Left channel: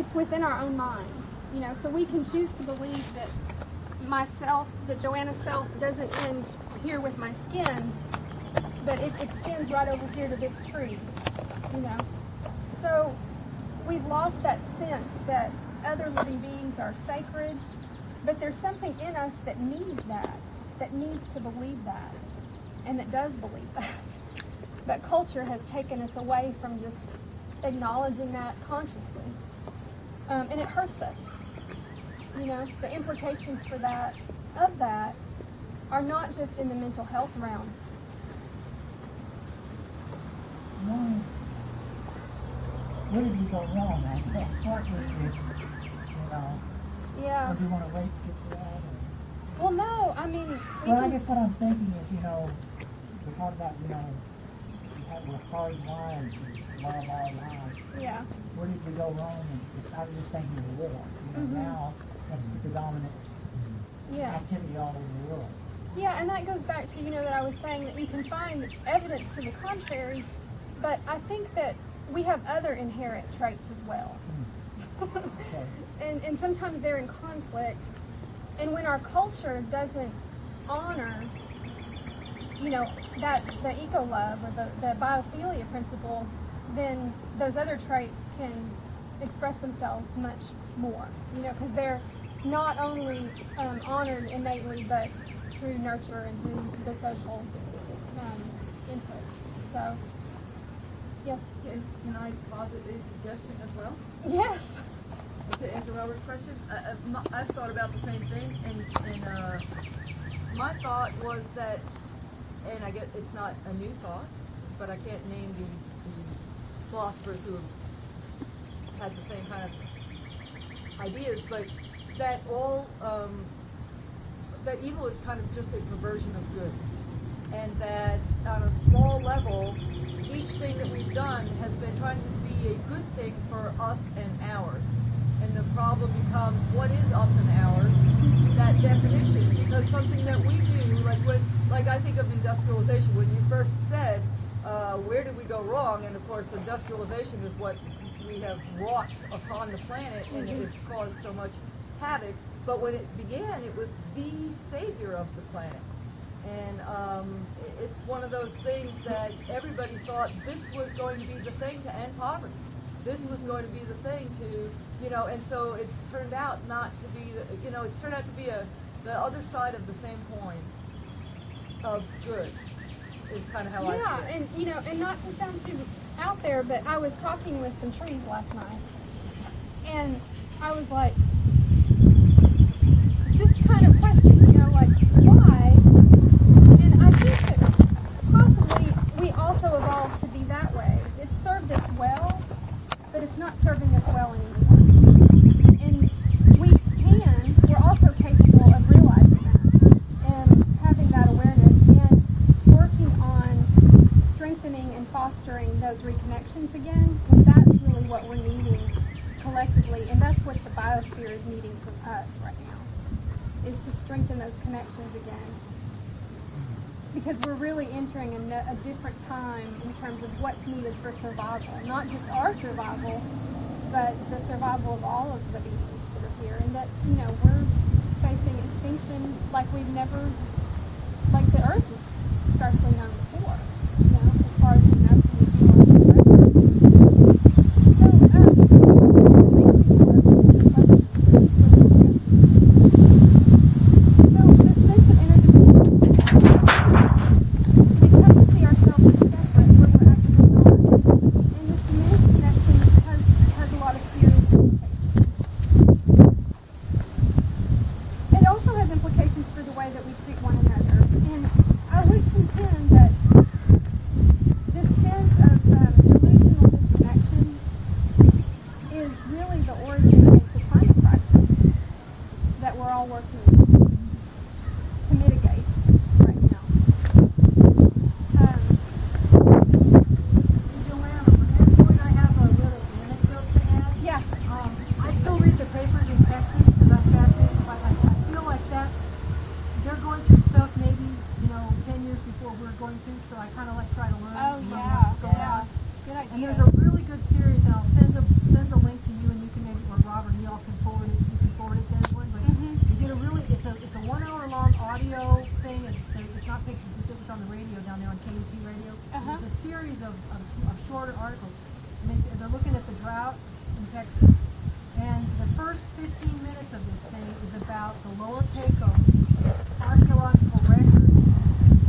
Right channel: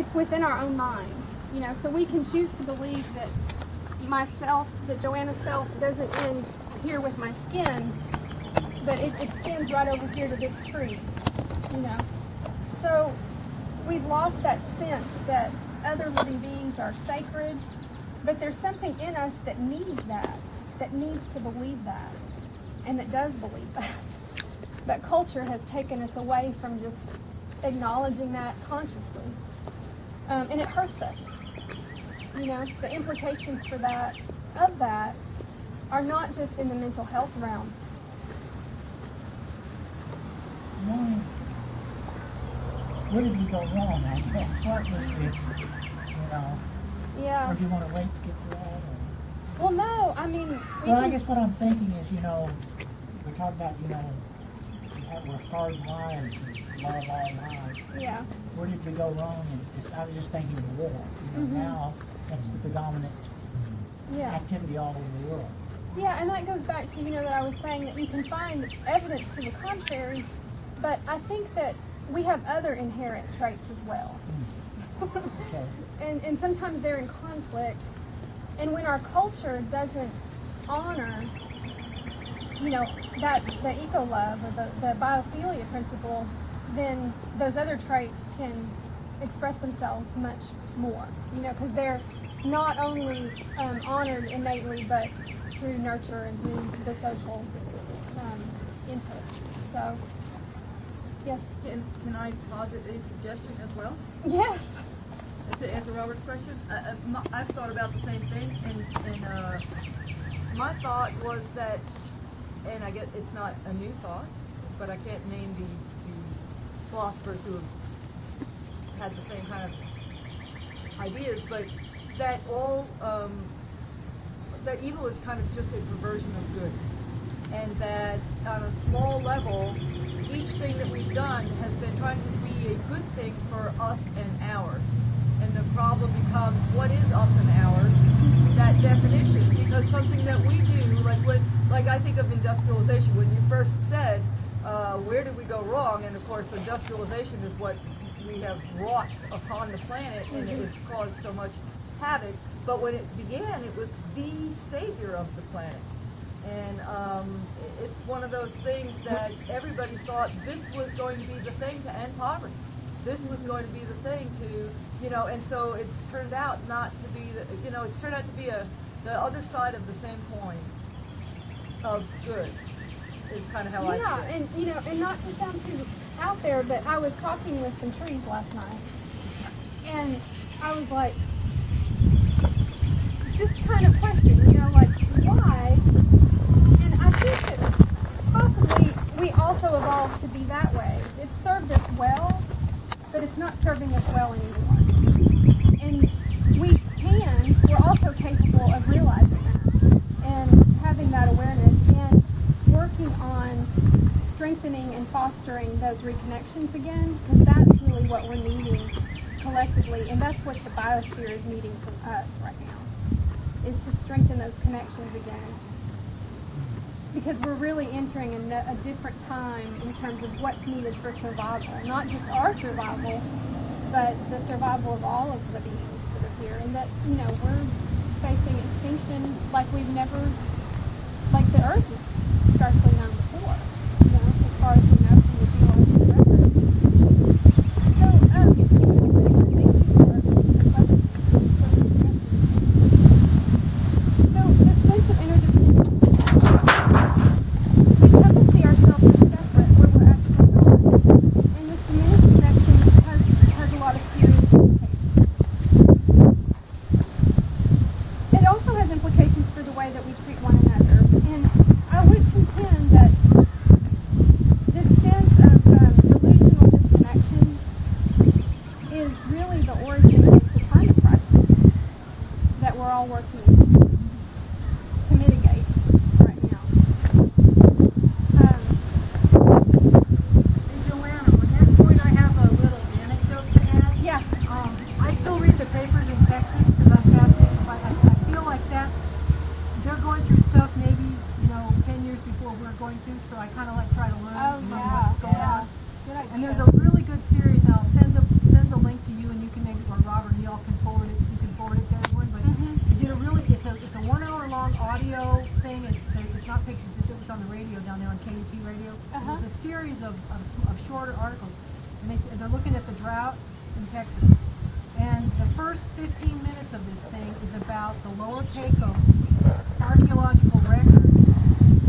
it's within our own minds, you know, so we can choose to believe that myself, that Joanna's self doesn't end here with my skin, but it extends right over here to this tree, you know. So we've lost that sense that other living beings are sacred, but there's something in us that needs that needs to believe that, and that does believe that. But culture has taken us away from just acknowledging that consciously. And it hurts us. You know, the implications for that, of that, are not just in the mental health realm. Where did we go wrong? I guess what was the, Yeah. Or do you want to wait to get to that? Or? Well, no, I mean... I guess what I'm thinking is, we're talking about, we're hardwired to love all lives. Yeah. Where did we go wrong? And I was just thinking of the war. Now that's the predominant activity all over the world. Yeah, and that goes back to, that I was saying that you can find evidence to the contrary, but I think that we have other inherent traits as well. Okay. And sometimes they're in conflict. And when our culture doesn't honor, that the eco-love or the biophilia principle, then those other traits can express themselves much more, because they're not only honored innately, but through nurture and through the social inputs. So, yes. Can I posit a suggestion as well? Yes. To answer Robert's question, I've thought about the same thing, and my thought was that, and I get it's not a new thought, but I can't name the philosophers who have had the same kind of ideas, but that that evil is kind of just a perversion of good, and that on a small level, each thing that we've done has been trying to be a good thing for us and ours. And the problem becomes, what is us and ours? That definition, because something that we do, like I think of industrialization. When you first said, where did we go wrong? And of course, industrialization is what we have wrought upon the planet, and it's caused so much havoc. But when it began, it was the savior of the planet. And it's one of those things that everybody thought this was going to be the thing to end poverty. This was going to be the thing to, and so it's turned out not to be, it's turned out to be the other side of the same coin of good, is kind of how I see it. Yeah, and not to sound too out there, but I was talking with some trees last night, and I was like, this kind of question, why? And I think that possibly we also evolved to be that way. It served us well, but it's not serving us well anymore. And we're also capable of realizing that and having that awareness and working on strengthening and fostering those reconnections again, because that's really what we're needing collectively, and that's what the biosphere is needing from us right now, is to strengthen those connections again. Because we're really entering a different time in terms of what's needed for survival. Not just our survival, but the survival of all of the beings that are here. And that, we're facing extinction like the Earth is scarcely known before, as far as we know from the geological record. So, thank you for the discussion. So, this sense of interdependence, we come to see ourselves as separate where we're actually not. And this diminished connection has a lot of serious implications. It also has implications for the way that we treat one another. And I would contend that this sense of delusional disconnection is really the origin of the climate crisis that we're all working to mitigate right now. Joanna, on that point, I have a little anecdote to add. Yeah. I still read the papers in Texas because I'm fascinated by it. I feel like that they're going through stuff maybe, 10 years before we're going to, so I kind of try to learn what's going on. Good idea. And there's a really good series, and I'll send the link to you, and you can maybe, or y'all can forward it. You can forward it to everyone. But you did a really. It's a 1 hour long audio thing. It's not pictures. It was on the radio down there on KUT radio. It was a series of shorter articles, and they're looking at the drought in Texas. And the first 15 minutes of this thing is about the Lower Pecos archaeological record,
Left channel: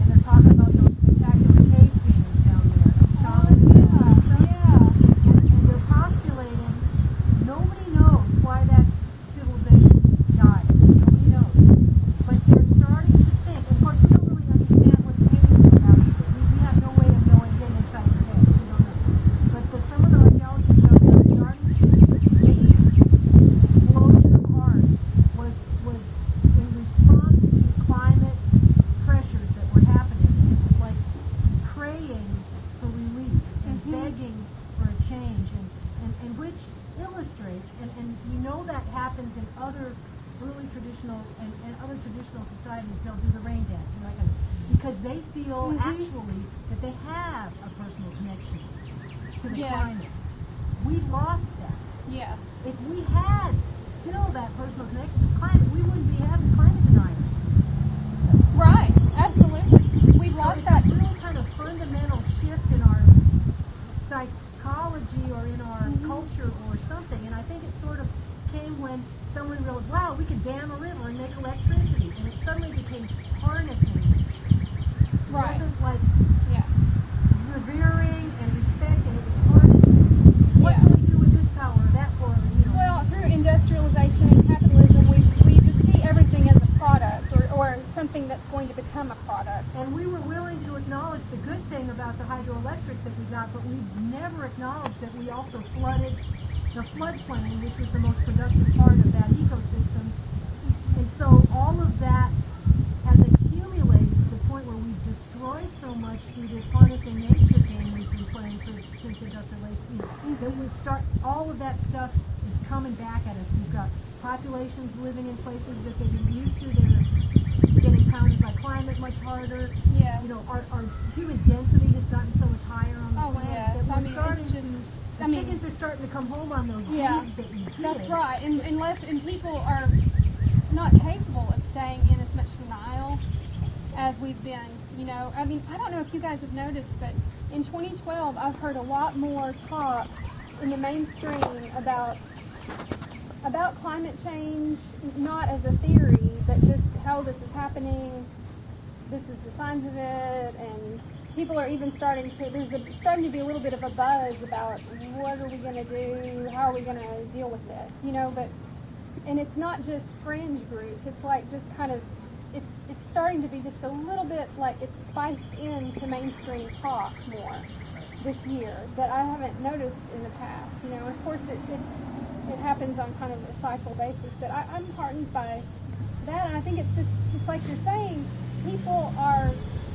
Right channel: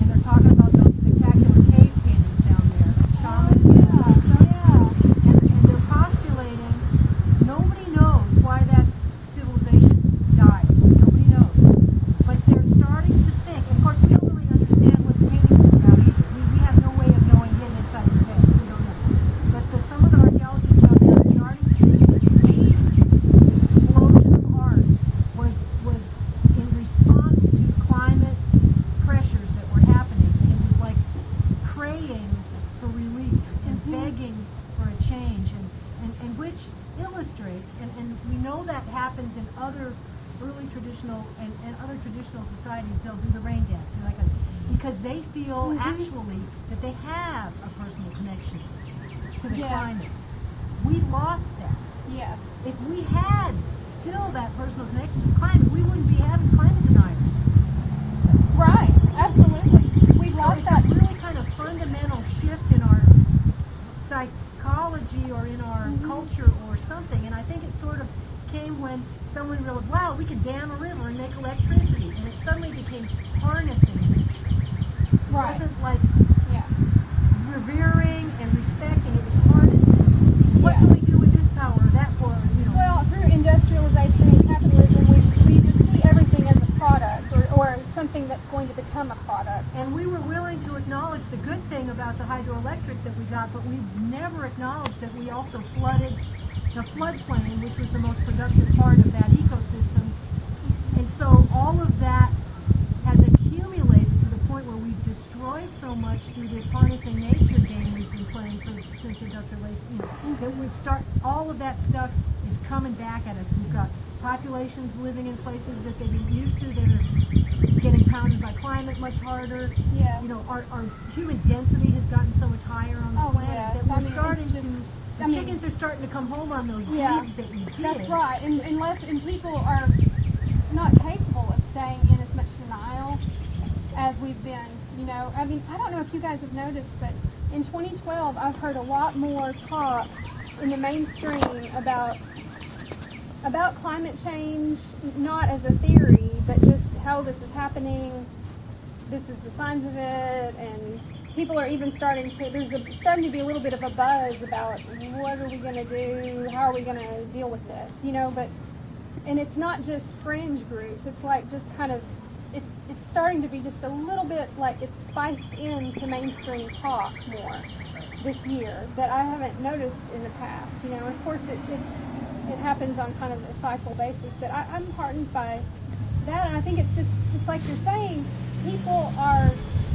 and they're talking about those spectacular cave paintings down there, shamanism and stuff. And they're postulating nobody knows why that civilization died. Nobody knows. But they're starting to think, and of course we don't really understand what the paintings are about either. We have no way of knowing, getting inside their head. We don't know. But some of the archaeologists down there are starting to think that maybe the explosion of art was in response to climate pressures that were happening, and it was like praying for relief and begging for a change, and which illustrates, and we know that happens in other early traditional and other traditional societies. They'll do the rain dance, because they feel actually that they have a personal connection to the climate. We lost that. Yes. If we had still that personal connection to the climate, we wouldn't be having climate deniers. Right. Absolutely. We've lost It's that. a really kind of fundamental shift in our psychology or in our culture or something. And I think it sort of came when someone realized, wow, we can dam a river and make electricity. And it suddenly became harnessing nature. It Right. wasn't like Yeah. revering and respecting. It was harnessing. What Yeah. can we do with this power or that power? Well, through industrialization and capitalism, we just see everything as a product or something that's going to become a product. And we were willing to acknowledge the good thing about the hydroelectric that we got, but we've never acknowledged that we also flooded the floodplain, which was the most productive part of that ecosystem. And so all of that has accumulated to the point where we've destroyed so much through this harnessing nature game we've been playing since industrialization. That we start, all of that stuff is coming back at us. We've got populations living in places that they've been used to that are getting pounded by climate much harder. Yes. Our human density has gotten so much higher on the planet yes. that I we're mean, starting it's just- to, I the mean- chickens are starting to come home on those Yeah, deeds that we did. That's right. And people are not capable of staying in as much denial as we've been. I mean, I don't know if you guys have noticed, but in 2012, I've heard a lot more talk in the mainstream about climate change, not as a theory, but just how this is happening. This is the signs of it, and people are even starting to be a little bit of a buzz about what are we going to do, how are we going to deal with this, and it's not just fringe groups. It's like just kind of, it's starting to be just a little bit like it's spiced into mainstream talk more this year that I haven't noticed in the past. Of course it happens on kind of a cycle basis, but I'm heartened by that, and I think it's like you're saying, people are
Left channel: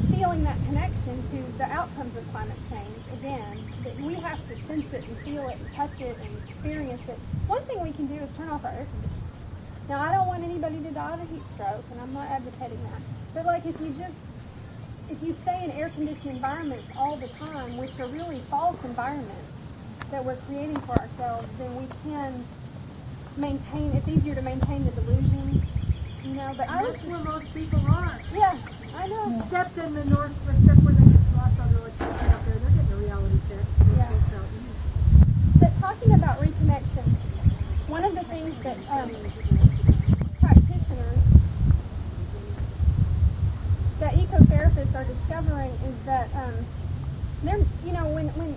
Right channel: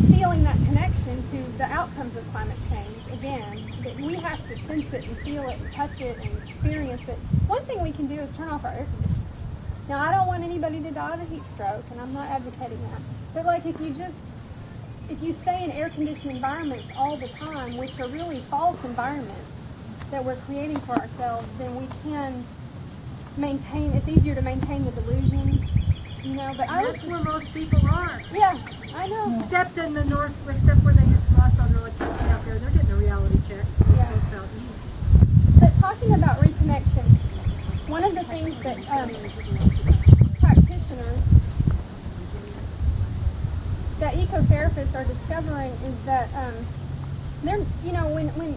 feeling that connection to the outcomes of climate change again, that we have to sense it and feel it and touch it and experience it. One thing we can do is turn off our air conditioners. Now, I don't want anybody to die of a heat stroke, and I'm not advocating that, but like if you stay in air-conditioned environments all the time, which are really false environments that we're creating for ourselves, then we can maintain, it's easier to maintain the delusion, but That's where most people are. yeah, I know. Except in the north, except where they just lost all their electricity out there. They're getting a reality check. Yeah. Folks out east. But talking about reconnection, one of the things that practitioners, that ecotherapists are discovering is that they're, when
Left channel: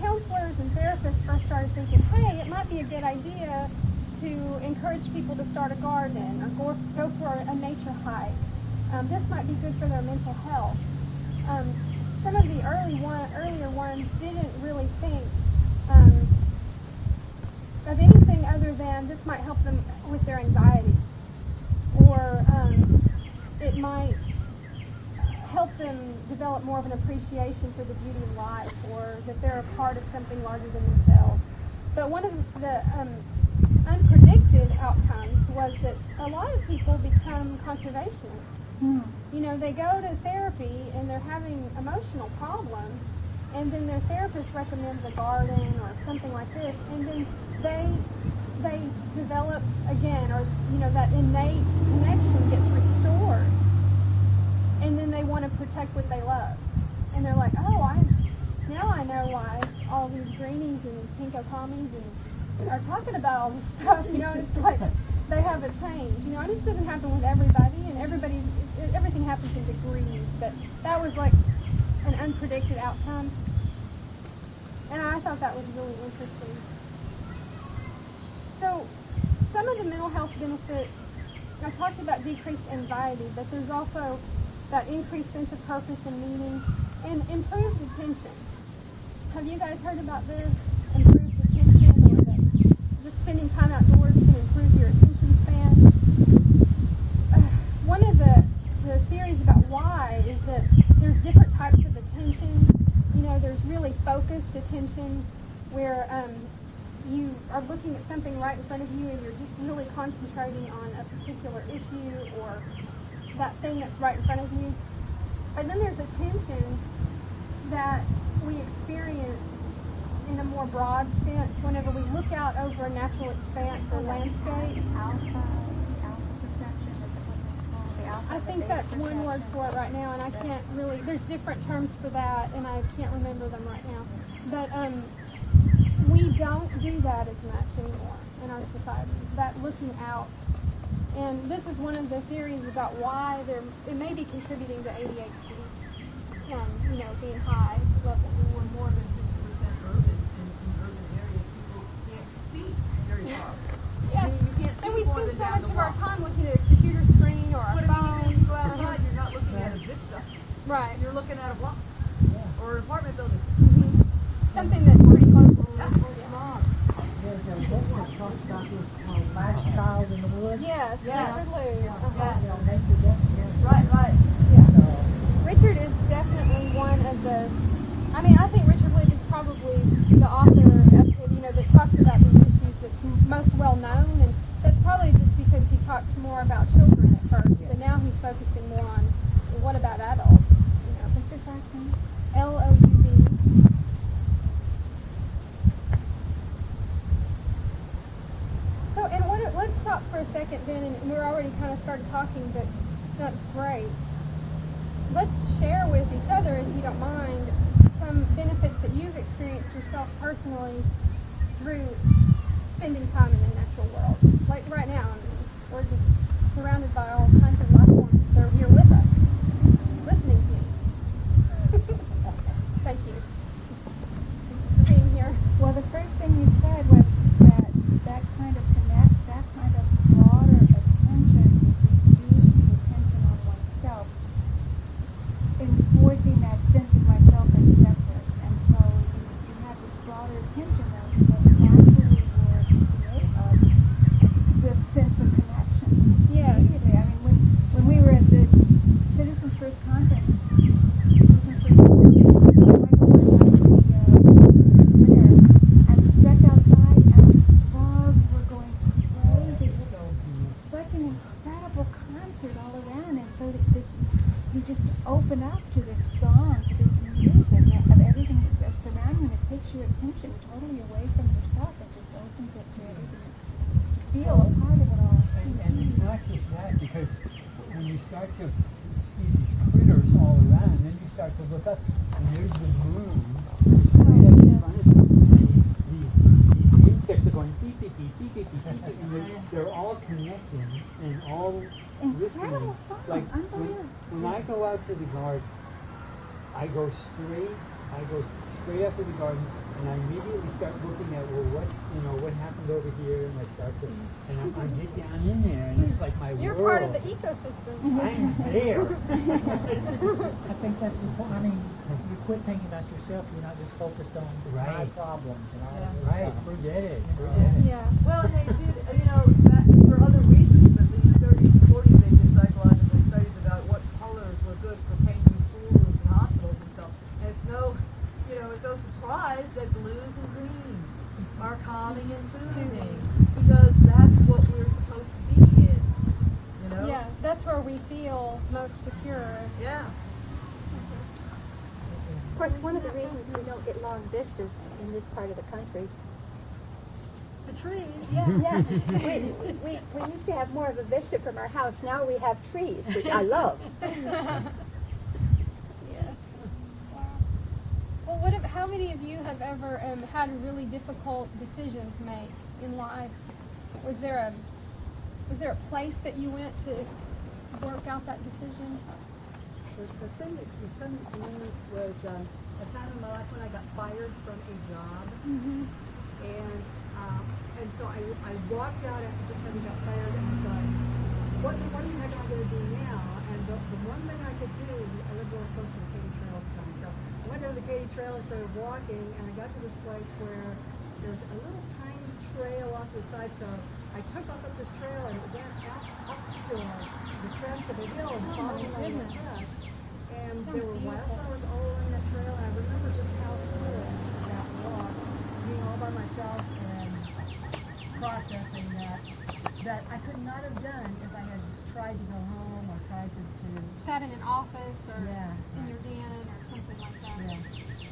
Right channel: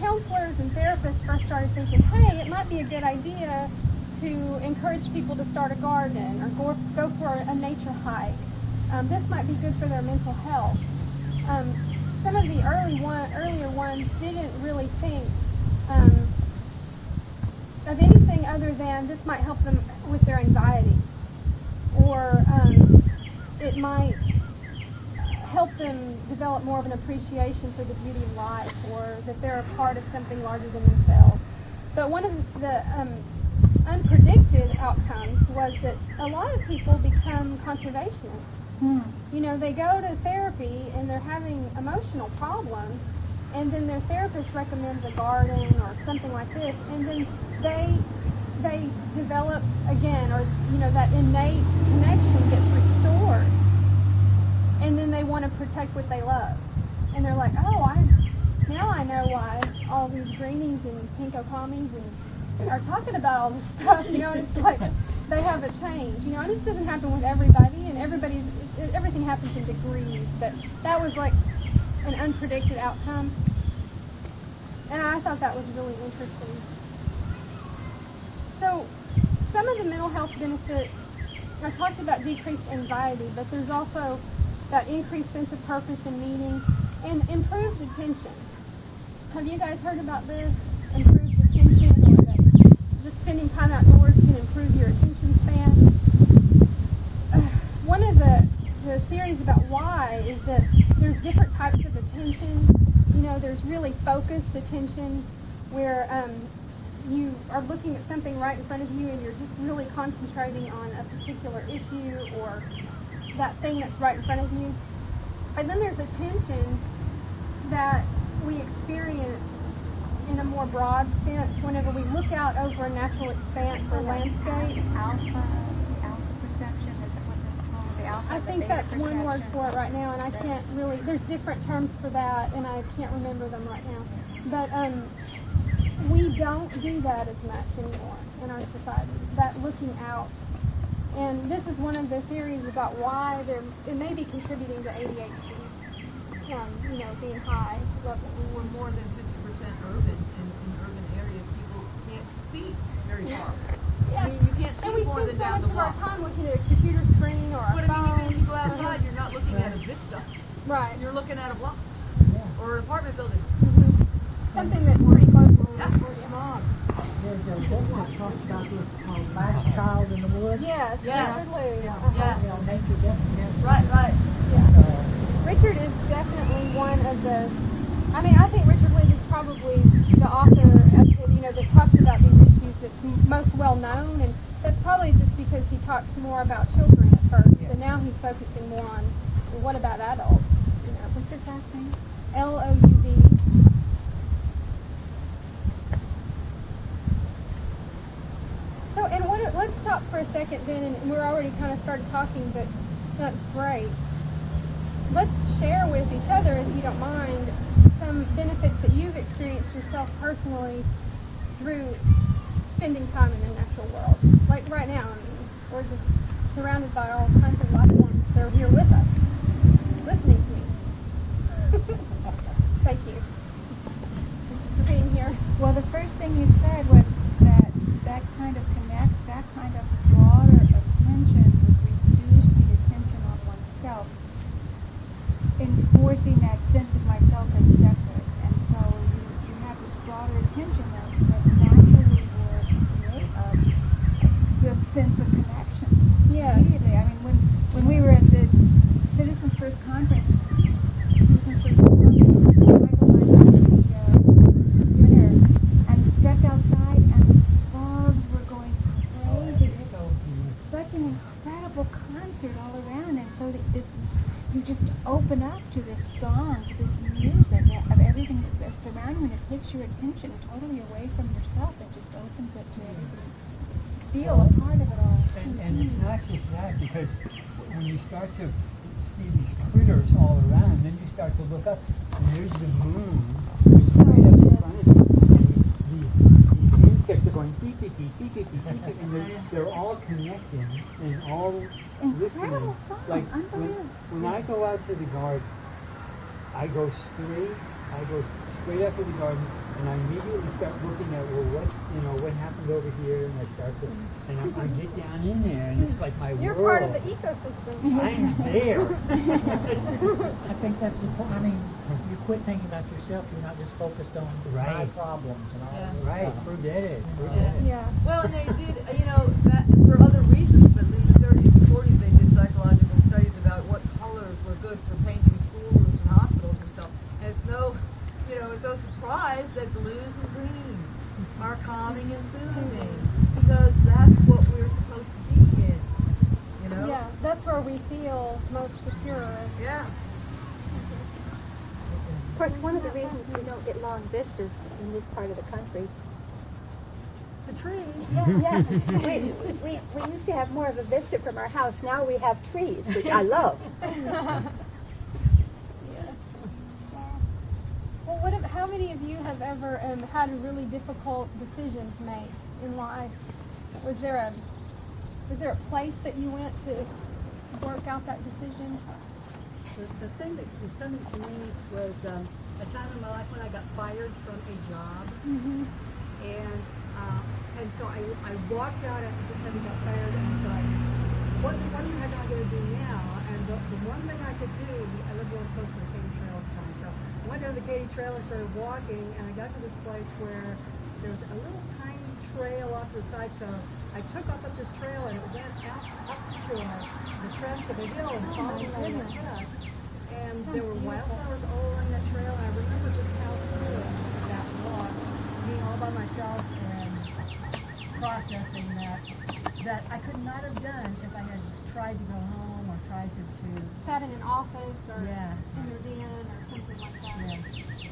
counselors and therapists first started thinking, hey, it might be a good idea to encourage people to start a garden or go for a nature hike. This might be good for their mental health. Some of the earlier ones didn't really think of anything other than this might help them with their anxiety, or it might help them develop more of an appreciation for the beauty of life, or that they're a part of something larger than themselves. But one of the unpredicted outcomes was that a lot of people become conservationists. They go to therapy and they're having emotional problems, and then their therapist recommends a garden or something like this, and then they develop again, or that innate connection gets restored, and then they want to protect what they love, and they're like, oh, now I know why all these greenies and pinko commies and are talking about all this stuff, and it's like they have a change, and this doesn't happen with everybody, and everything happens in degrees, but that was like an unpredicted outcome, and I thought that was really interesting. So some of the mental health benefits, I talked about decreased anxiety, but there's also that increased sense of purpose and meaning, and improved attention. Have you guys heard about this? Improved attention, or that just spending time outdoors can improve your attention span? One of the theories about why is that there's different types of attention. There's really focused attention where you are looking at something right in front of you and you're just really concentrating on a particular issue or that thing that's right in front of you. And then there's attention that we experience in a more broad sense whenever we look out over a natural expanse or landscape. Alpha perception, is that what that's called? The alpha, I the think beta that's one perception. word for it right now, and I can't really, there's different terms for that, and I can't remember them right now. But we don't do that as much anymore in our society, that looking out. And this is one of the theories about why it may be contributing to ADHD, being high level. We're more than 50% urban. In urban areas, people can't see very far. Yes. I mean, you can't see And we more spend than so down much the of our block. time looking at a computer screen or a But I phone. mean, even if you go outside, you're not looking at a vista. Right. You're looking at a block Yeah. or an apartment building. Mm-hmm. Something that's pretty close to Yeah. There's a book that talks about this called Last Child in the Woods. Yes, Yeah. Richard Lou. Yeah. Nature.MOV. Right. Yeah. Richard is definitely one of the, I think Richard Lou is probably the author of, that talks about these issues that's most well known, and that's probably just because he talked more about children at first, but now he's focusing more on, what about adults? What's his last name? LOUV. So, and let's stop for a second then, and we're already kind of started talking, but that's great. Let's share with each other, if you don't mind, some benefits that you've experienced yourself personally through spending time in the natural world. Like right now, we're just surrounded by all kinds of life forms. They're here with us, listening to me. Thank you for being here. Well, the first thing you said was that kind of that kind of broader attention would reduce the attention on oneself, enforcing that sense of myself as separate. And so you have this broader attention that naturally would create the sense of connection. Yes. Immediately. I mean, when we were at the Citizens First Conference, Michael and I got to dinner and stepped outside and frogs were going crazy. It was such an incredible concert all around, and so you just open up to this song, to this music of everything that's around you, and it takes your attention totally away from yourself. It just opens it to everything. Feel a part of it all. And it's not just that, because when you start to see these critters all around, then you start to look up, and there's the moon, it's right up in front of you, and these insects are going beep, beep, beep, beep, beep, beep, beep, beep, and they're all connecting and all listening. Incredible song, Like unbelievable. when I go out to the garden, I go straight up to the garden, and I immediately start looking at, what happened over here, and I start to, and I get down in there, and it's like my You're world. part of the ecosystem. I'm there. I think that's important. I mean, you quit thinking about yourself. You're not just focused on my Right. problems and all Yeah. that Right, stuff. forget it. Yeah. Well, and they did, that for other reasons, but in the 30s and 40s they did psychological studies about what colors were good for painting schoolrooms and hospitals and stuff. And it's no surprise that blues and greens are calming and soothing, because that's what we're supposed to be in, Yeah, that's where we feel most secure. Yeah. Of course, one of the reasons we don't get long vistas in this part of the country the trees. Yeah. We used to have more of a vista from our house. Now we have trees, which I love. Yes. Wow. Well, how many of you have ever had a really difficult decision to make in life? Was there a place that you went to work out that decision? The thing that was coming to me was a time in my life when I got fired from a job. Mm-hmm. And so I walked out after just having got fired, and I thought, what am I going to do now? And the one thing I could do, I lived real close to the Katy Trail at the time, so I went down the Katy Trail and started walking, and I got to this place where there was a little tiny trail off to the side, so I took off up this trail and it went out up to the crest of a hill and followed on the crest. And there were wildflowers all along that trail, and I remember just how cool that walk, being all by myself and processing that I could not have done if I had tried to go home or tried to Sat in an office or Yeah. in your den or something like that. yeah.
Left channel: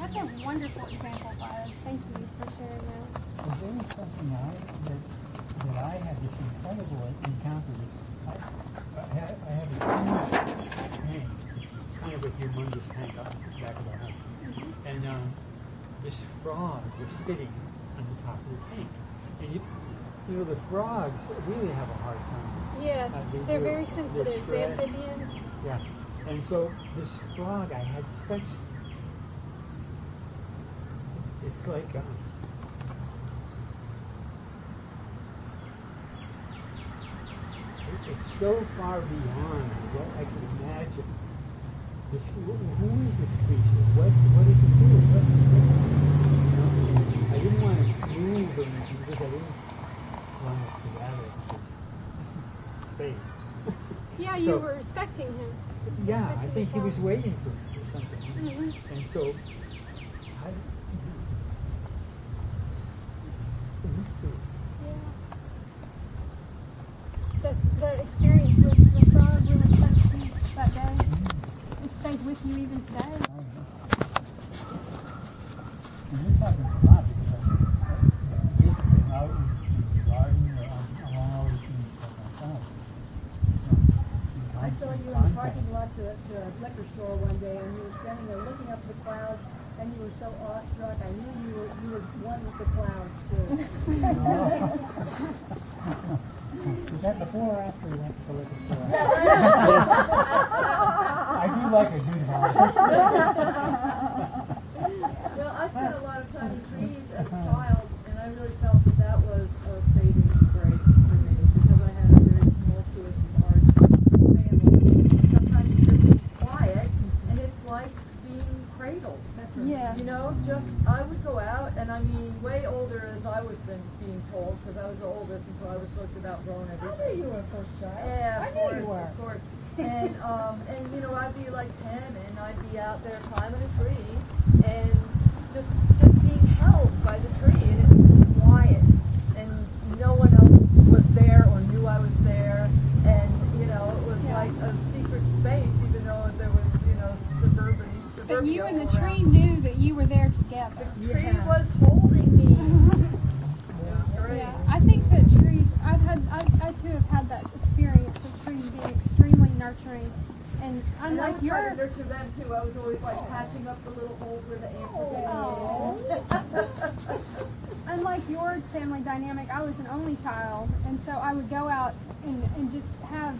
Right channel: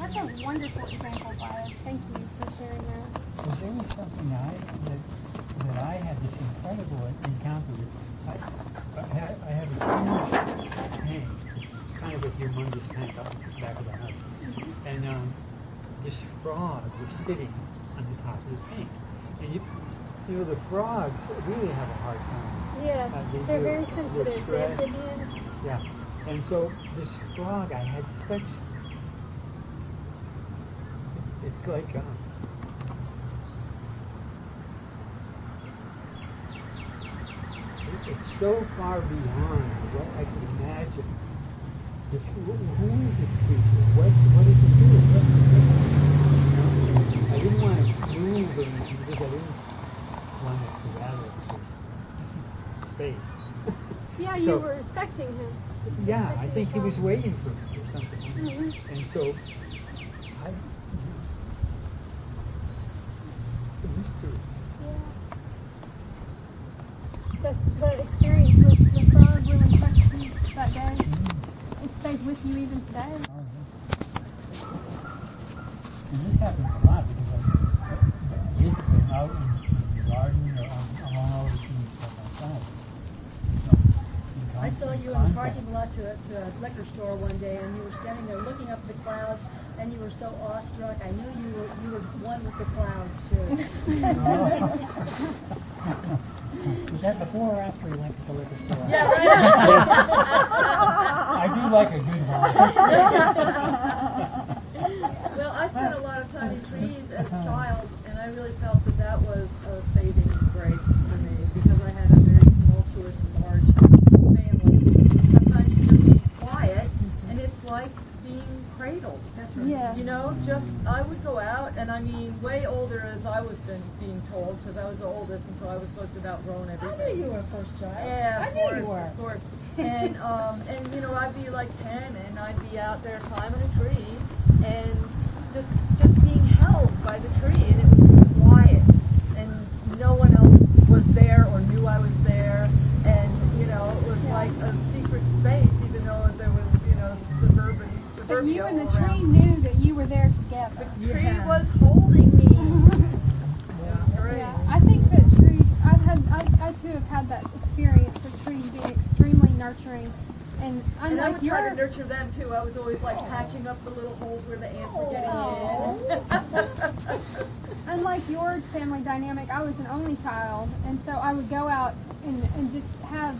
That's a wonderful example, Bias. Thank you for sharing that. Well, there was something that I had this incredible encounter with. I have a huge tank, kind of a humongous tank up the back of the house. Mm-hmm. And this frog was sitting on the top of the tank. And you know, the frogs really have a hard time. Yes, they're do- very they're sensitive. The stressed. amphibians. Yeah. And so this frog, I had such, it's like, it's so far beyond what I could imagine. This, who is this creature? What does it do? You know, I didn't want to move or anything because I didn't want it to rattle because space. Yeah, So- you were respecting him. Yeah, I Respecting think the he was frog. waiting for me or something. Mhm. And so, the mystery. Yeah. The experience with the frog really touched you that day. It stays with you even today. Oh, yeah. And this happens a lot because basically I'm out in the garden or along all the trees stuff outside. So, I saw you in the parking lot to a liquor store one day, and you were standing there looking up at the clouds, and you were so awestruck. I knew you were one with the clouds too. Was that before or after we went to the liquor store? Yeah, right. I do like a good one. Well, I spent a lot of time in trees as a child, and I really felt that was a saving grace for me because I had a very tumultuous and large family. Sometimes you just need quiet, and it's like being cradled. That's right. Yeah. You know, I would go out, and I mean, way older as I was being told, because I was the oldest, and so I was supposed to have outgrown I everything. knew you were a first child. Yeah, I of knew course, you were. of course. And you know, I'd be like 10, and I'd be out there climbing a tree, and just being held by the tree, and it was quiet, and no one else was there or knew I was there, and you know, it was like a secret space, even though there was, you know, suburbia. But you and the all tree around. knew that you were there together. The tree Yeah. was holding me. It was great. Yeah, I think that trees, I too have had that experience of trees being extremely nurturing. And And I unlike would try your, to nurture them too. I was always like patching up the little holes where the ants were getting in. unlike your family dynamic, I was an only child, and so I would go out and just have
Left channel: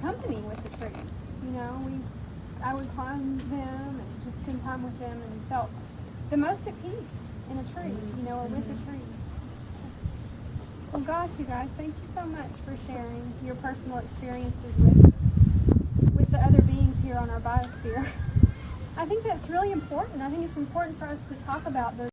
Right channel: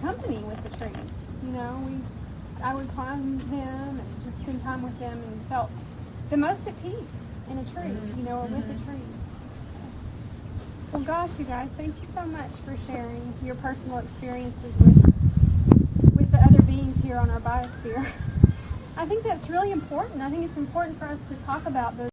company with the trees. You know, I would climb them and just spend time with them and felt the most at peace in a tree, you know, or with a tree. Well, gosh, you guys, thank you so much for sharing your personal experiences with the other beings here on our biosphere. I think that's really important. I think it's important for us to talk about those